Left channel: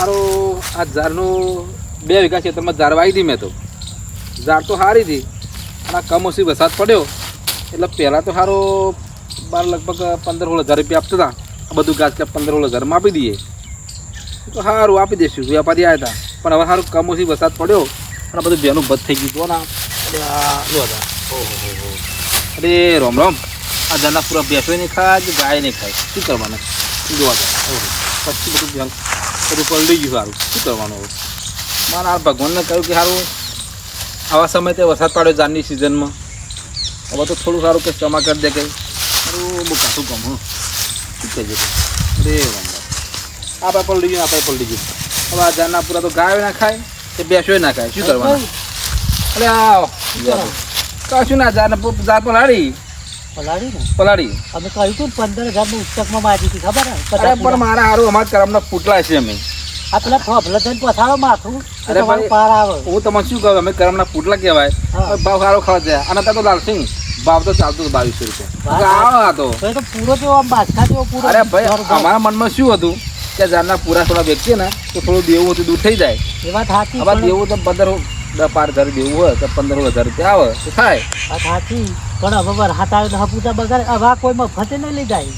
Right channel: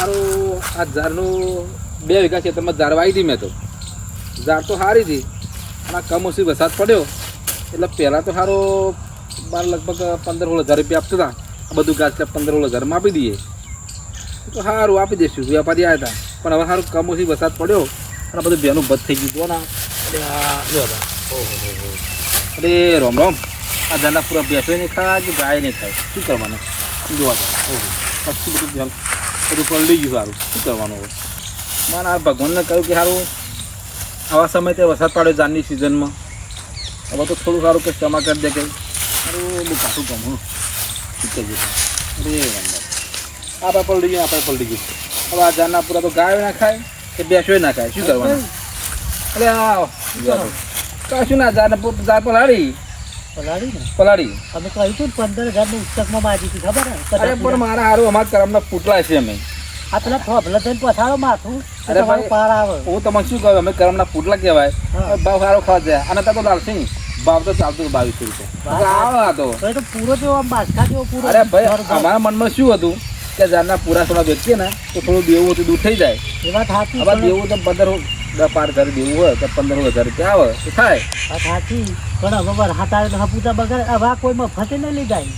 મારું આ ઝાડનું બે વીઘા ખેતરમાં ઝાડ વાવી હતી મેં તો. ઝાડ તો સારી હતી પણ આ કમોસમી વરસાદ પડ્યો. એટલે પહેલાં તો સારો બાર લગભગ પંદર સોળ હજાર રૂપિયા આપતા હતા. બધું ગાજ કે પંદર સોળ હજારમાં આપી દઈએ. તો સારું આપી દઈશું વેપારી આવ્યા હતા પણ હવે સારું કમોસમી વરસાદ પડ્યો અને બધું બેનું બધ થઈ ગયું ના. અરે રોમ રોમ આ ઝાડના પૂરા બેસો નહીં ખાય કે ગાય નહીં ખાય? શું કરવાનું? જોવા જાય પછી બધું ધ્યાન બધું પલળી ગયું સારું. શું કરવાનું હવે? મારે આ ભગવાનને કહ્યું કે સારું આવા સમયે તે વરસાદ પાડ્યો જાનની સિઝનમાં. હવે તો થોડું સારું કે જમા કરી દે કે. સારું બહુ કામ હું. શું ગયું અરે રામ આપણે પલળી ગયું આપણે પલળી ગયું. હવે આ જાનના પૂરા તો ગાય ના ખાય કે બેસો ના ખાય. શું કરવાનું? અરે કશું ના જાન જાત પલાળી પલાળી અમે કહ્યું હતું પંદર હજારનું મારી હતી ખબર? અરે પણ મારા અમારા કરમના પૂટલા છે અમે. આ પેલા થઈને પથારો માથું અરે ભાઈ. પાર આવે. હું તમને શું કહું અમે કરમના પૂટલા કહેવાય. ભાવ સારો ખવા છે. અને તો લાલસિંહ ભાવ તો ચાલતો બાવીસો રૂપિયા. તો પૂરો જેવો આમ બાદશાહ જેવો પૂરો અરે ભાઈ. અમારા મનમાં શું હતું કે જારના પૂરા થોડા વેચીએ ને તો થોડું દેવું હતું દૂર થઈ જાય. એ વાત સાચી હવે દેવું તો પંદર દસ પાંચ હજાર દેવું હોય તો પંદર હજાર રૂપિયા આવે તો થાય. સાચી. પણ હવે વરસાદ આવે તો હપુતા બગાડ હવે કોઈમાં કોઈ નહીં લઈ જાય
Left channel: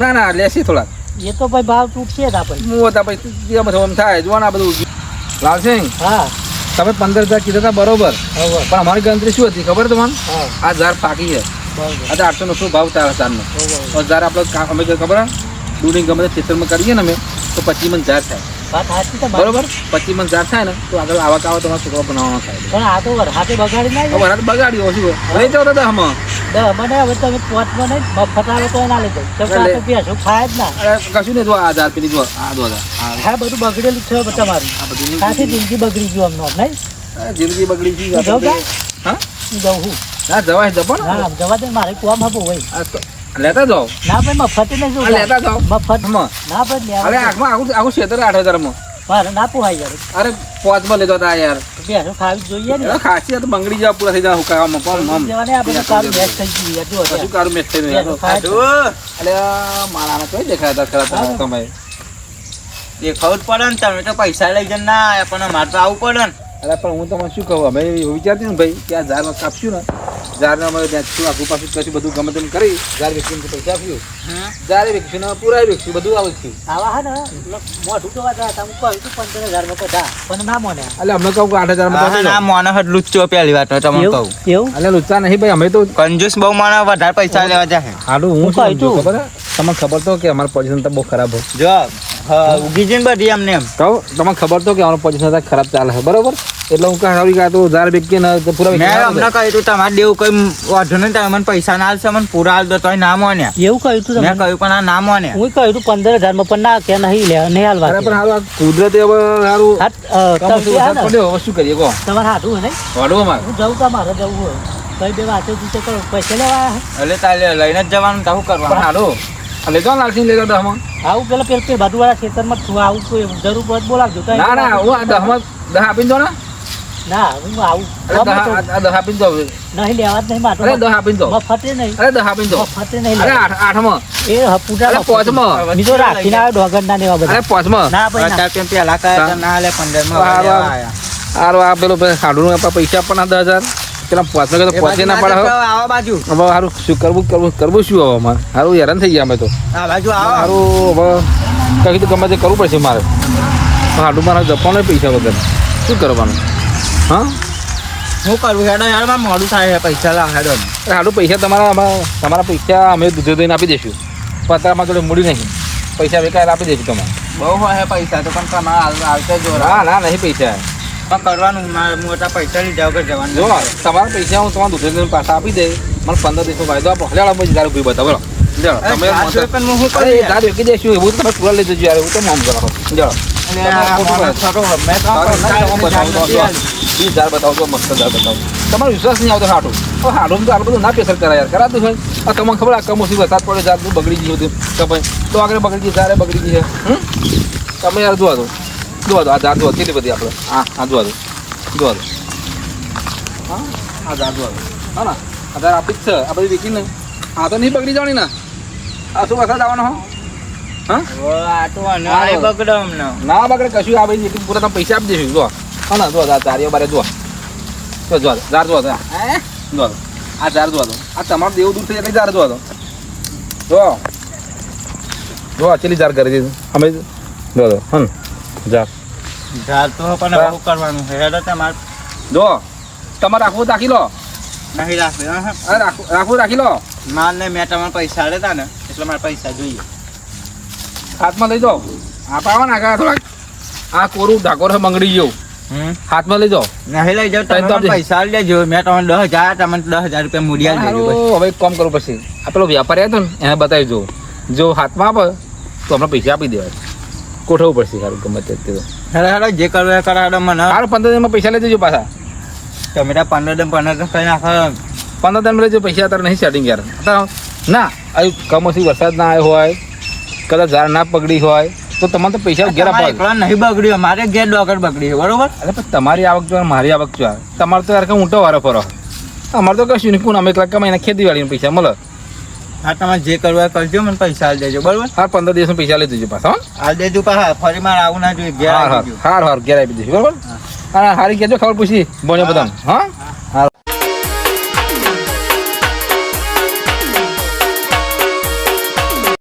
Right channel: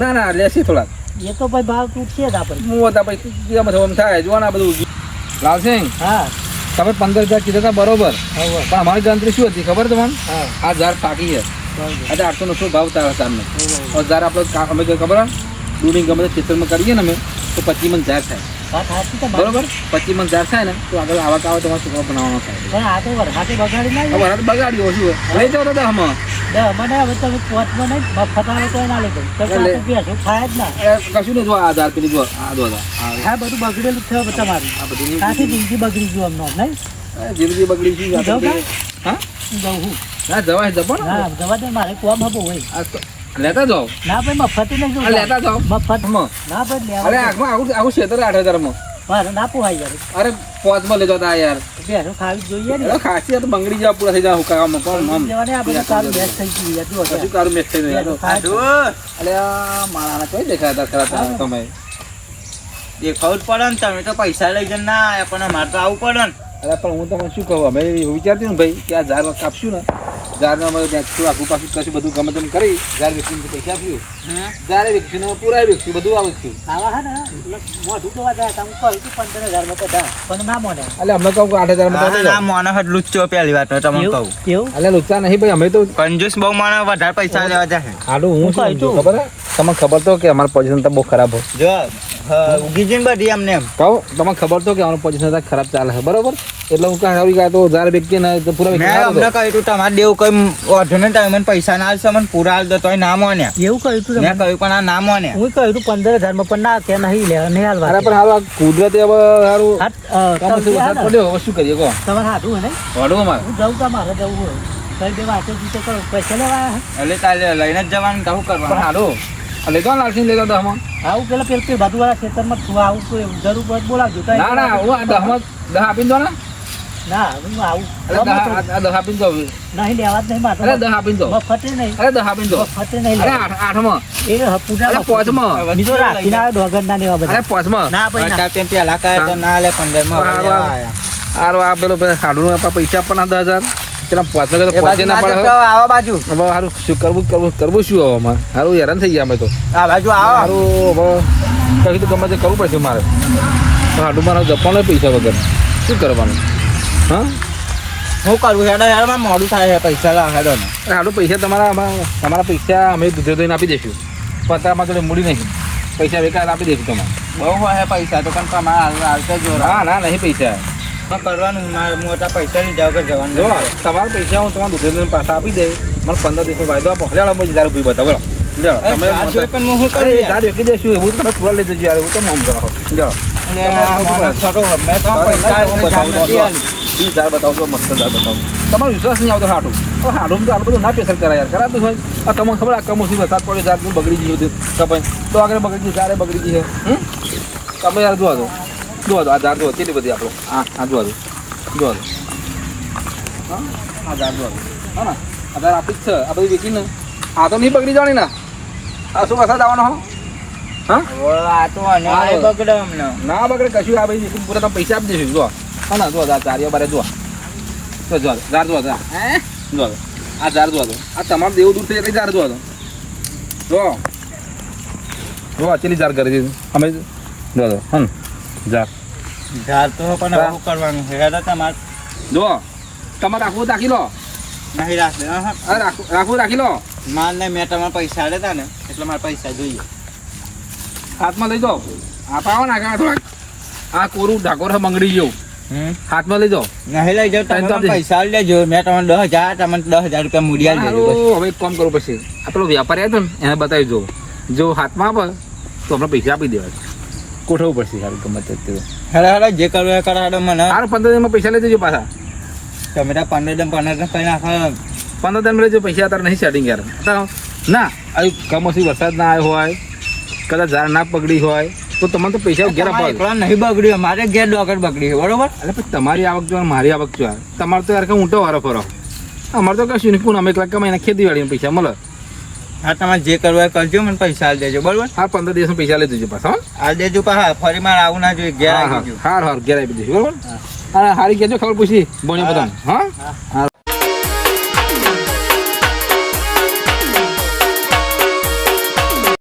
ના ના લેસી થોડા એ તો ભાઈ ભાવ તૂટશે જ આપણે. હું હતા ભાઈ એમ થવાનું થાય જોવાના બધું. લાલસિંહ હા. તમે પંદર હજાર કીધા હતા બરોબર. પણ અમારી ગણતરી શું હતી ખબર તમને? આ ઝાડ પાકી છે. આજે આઠસો નો શું ભાવ તારા ઝાડનો હજાર ઝાડ આપણે અમે ખબર ડુંગળી ગમે તે ખેતરમાં કરીએ ને અમે તો પચી મન ઝાડ થાય. બરોબર. પચીસ મન ઝાડ થાય ને તો આગળ આવા કાવો તમારો છોકરો બનાવવાનો થાય. પણ આ તો વરસાદે બગાડી ના વરાત બગાડ્યો શું? લઈ જાઓ દાદા હમ મને હવે તમે નહીં મફત આવે તો ના લઈ જાઉં ખાય જ ના. કશું નહીં જો આ પેલી જો આ આ બધું બગડેલું છે તમારું. આ બધું આખી જિંદગી બગડી ગયું અમને નહીં? જિંદગી બગડી ગઈ? હા? છું ના જવાય જપો ને. જવા દે મારે કોમ હબો હોય. આ તો લેતા જાઓ. ના ભાઈ મફત નહીં લેતા જાઓ. મફત. ના ભાઈ અરે આખમાં આખું આખું ક્ષેત્ર આઠ હજારમાં. મારે ના પોહાય યાર. અરે પોચમાં લેતો હતા યાર. બેસો ખાવી જોઈએ ને. ખાસી તો બંગડી જવા પૂરા થઈ જાય હુકાવામાં કોમ મમ જવાને આપણે કારું મેચ થઈ ગયું યાર જો હજુ કારું મેચ થઈ ગયું ખાય છે. મારા આને કઈ દેખાતા ખરા તમે તમે દેખાવું જ પડે ને તમે તો પૈસા લઈ જઈને ના પણ મારે તો આવું પડે ને. અરે પણ હું તમને શું કહું? અમે એવું વિચારતી ને ભાઈ કે આ ઝાડ કાપશું ને ઝાડને અમે ત્યાં આખું પાછું કશું બધું ગમે તેમ કરી ઝાડ પૈસા આપ્યું ઝાડે વેચશું ને પૂરા બધું આવશું આવા હે ને મોઢું જોવા જાય તમે કહ્યું તું પંદર હજારમાં પણ ના મોને. એટલે અમને કહું આઠ હજારમાં તો આ મોનો હેડ લુચ્ચો પહેલી વાત તો તમને કહું. એવું? એટલે લુચ્ચા નહીં ભાઈ અમે તો કંજૂસ બહુ મને વધારે પૈસા લેવા જાય હાલું હું શું સમજો? ખબર? તમને ખબર તો કે અમારું પોઝિશન તો બહુ ખરાબ હોય. જો ઉગી જઈને બધી એમને એમ. કહું તમને ખબર તો કે અમારું પોઝિશન ખરાબ ચાલે છે બરોબર? એટલે હું કાં આવી તો ઝાડ બેકી ના પૂરા મેં અમને કહ્યું તું તમારે દેવું કઈ વાંધો નહીં તમે મને પૈસા ના આવશે મને પૂરા હાલ દો તોય ના મોન્યા. એવું કહ્યું તું મેં કહ્યું પણ આ ના મોન્યા. હું કહ્યું તું પંદર હજારમાં પણ ના કે નહીં લે નહીં હાલવા અરે પણ હાલ કુદરતે હવે સારું કામ તમે વરસાદ પડ્યો? હવે શું કરીએ કહો. તમારે હાથું હે ને? વાડું અમારે? હું જવું તમારે જવું હોય? કઈ બે વાંચો તો કરો પૈસા લેવા એટલે તાલે લઈને જ જવાનું તો શું પણ કરવાનું લઈ જાઓ ને લાલસિંહ લઈ દહમાં. આવું પેલા પેલા તે બાજુવાળા ખેતરમાં છું આવું કોઈ જરૂર પડે તો બોલાવજો ના ના હું આ દહમાં દહ આપીને દો ને. ના હું આવું. અરે દહ આપીને જાઓ નહીં લેવા જ નહીં મારે. અરે દહ આપીને જાઓ મફતે નહીં. અરે દહ આપીને જાઓ મફતે નહીં અરે આઠમાં. એ હપુજા અરે પોચમાં. બીજો રાખીને આવ્યો ડોગર ના લેવા બધા. અરે પાંચમાં. ના ભાઈ પેલા કહે ના લે. આયા. હારું આ પેલું સાડું પૈસા દસ હજાર. પેલા પાંચમાં તો ના પડે હવે આવા બાજુ. હવે હારું શું કરવું કરવું કરવું શું હવે અમારે? હારું હેરાન થઈ ગયા અમે તો. આ હારું હવે કંઈક તો ગમે તે કરવું પડશે મારે. હાડું મારા જપવાનો પૈસા વગર. શું કરવાનું? હા? હું કરું હેડો યાર મારે મોડું થાય છે પૈસા લાવ હેડો. ને એ પૈસા તમારા તમારા પૈસા અમે દૂધે દઈને આપી દઈશું. પતરામાં જોડે મૂડી નહીં. પૈસા બેકાર આપી દઈશું તમારે બહુ હોય પૈસા તો પણ તમારે હાલ હાલતે જો ના ના નહીં પૈસા. પણ કરવાનું મારે મોટા પૈસા લીધા વગર જવાનું. જો. તમારા પૈસા હું તમારા દૂધે દઈને પાછા આપી દઈ મને પંદર દિવસનો વાયદો આપો. લેવા પછી હજાર રૂપિયા બતાવો તમે તમે લઈ જજો યાર હું તો નામ આ. વીસ હજાર બતાવો તો મસ્ત હજાર બતાવો. તમારો વિશ્વાસ નહીં આવતો હાટું. હવે હાટું તો આટલું બધું ના પેસર કરાય યાર કરાતું હોય. આ તમને ખબર આ કમોસી વરસાદ પડે જાત બગડી ગયું હતું. કપાઈ. તો આગળ બગડી ગયું તારે બગડી ગઈ છે. હમ? તમે યાર જોવા દો જોવા દો આ ઝાડ જોવા કેટલી બધી આપણે હા હા જોવા દો જોવા દો હા આ ઝાડ જોવા દો હા ને? આ ઝાડ આપી જ છે. આ બધી વેચીને. આ તો નહીં બગડી જવાની ને? આ શું વરસાદ આવવાનો હો? આ ના બગડે કશું આ ભાઈ પૂરા તમે પૈસા આપી દઈશું જો હા ના જો તારીઓ બારે જો. જો જો જાર જો હે? જો આ ઝાર જો આ તમારું દેવ દૂર થઈ એટલે ઝાર જો જો. જો. આ ચેલી જાર કરી દીધું. અમે જો જો હન જાર ઝાડ તો પણ બહુ કરવાનું છે. હેડો તમારે જો. તમારે રાખવું રાખી લો. નહીં રાખવું હા, રાખવું રાખી લો. માલ ને મેં તમારે પૈસા લેતા ને એટલે મારે પૈસા જોઈએ. હાથમાં લઈ જાઓ. આ પાવા નાખા થોડાક. આ કોરું ઢાકોર મંગળી હમ હાથમાં લઈ જાઓ નહીં લઈ જાઓ તમે પૈસા લેજો મેં તમને દસ હજાર તમને દસ હજાર રૂપિયા મૂડી લેજો દેજો હવે કામ કરવું પડશે આ પેલો વ્યાપારી આવ્યો ને એને બતાવી દો જો હાથમાં આપે તો અમને પૈસા આપી દેવા ગોઠવવું પડશે સારું ગમે તે હેડો હેડો જે કરવું એ કરો હેડો મને. સારું પંદર દિનમાં પૈસા લઈ દેજો પાછા. તમે તો પંદર દમ પંદર દમ કરી નાખો. પંદર દિન લેજો પૈસા અત્યારે નહીં સેટિંગ યાર. ના આવી કમોસી વરસાદ ના આવ્યો હોય કદાચ ઝાડ ના પકડી હોય તો તમારે તો પૈસા ઘેર આપવા નહીં બગડ્યો મારે ઘેર ડોકર બગડી છે બરોબર? અરે પણ તમારી આવક જો મારી આવક જો તમારે તો યાર ઊંટો વારો ફરો. અમારે તો કશું નહીં પૂન અમે મહિના કમાઈને ખેતીવાડીના પૈસા મળે? હા તમારે જે કરવું કરજો મને પૈસા આલ દેજો બરોબર? હા પંદર દિવસમાં પૈસા લઈ દેજો પાછા આલ દેજો પાછા ફરી મારે આવું ના જોઈએ ઘેર હા આવી હા. હાર ઘેર આપી દેજો બરોબર? હા. હારી કહેજો ખબર પૂછી. બોલે બધા હા? હા.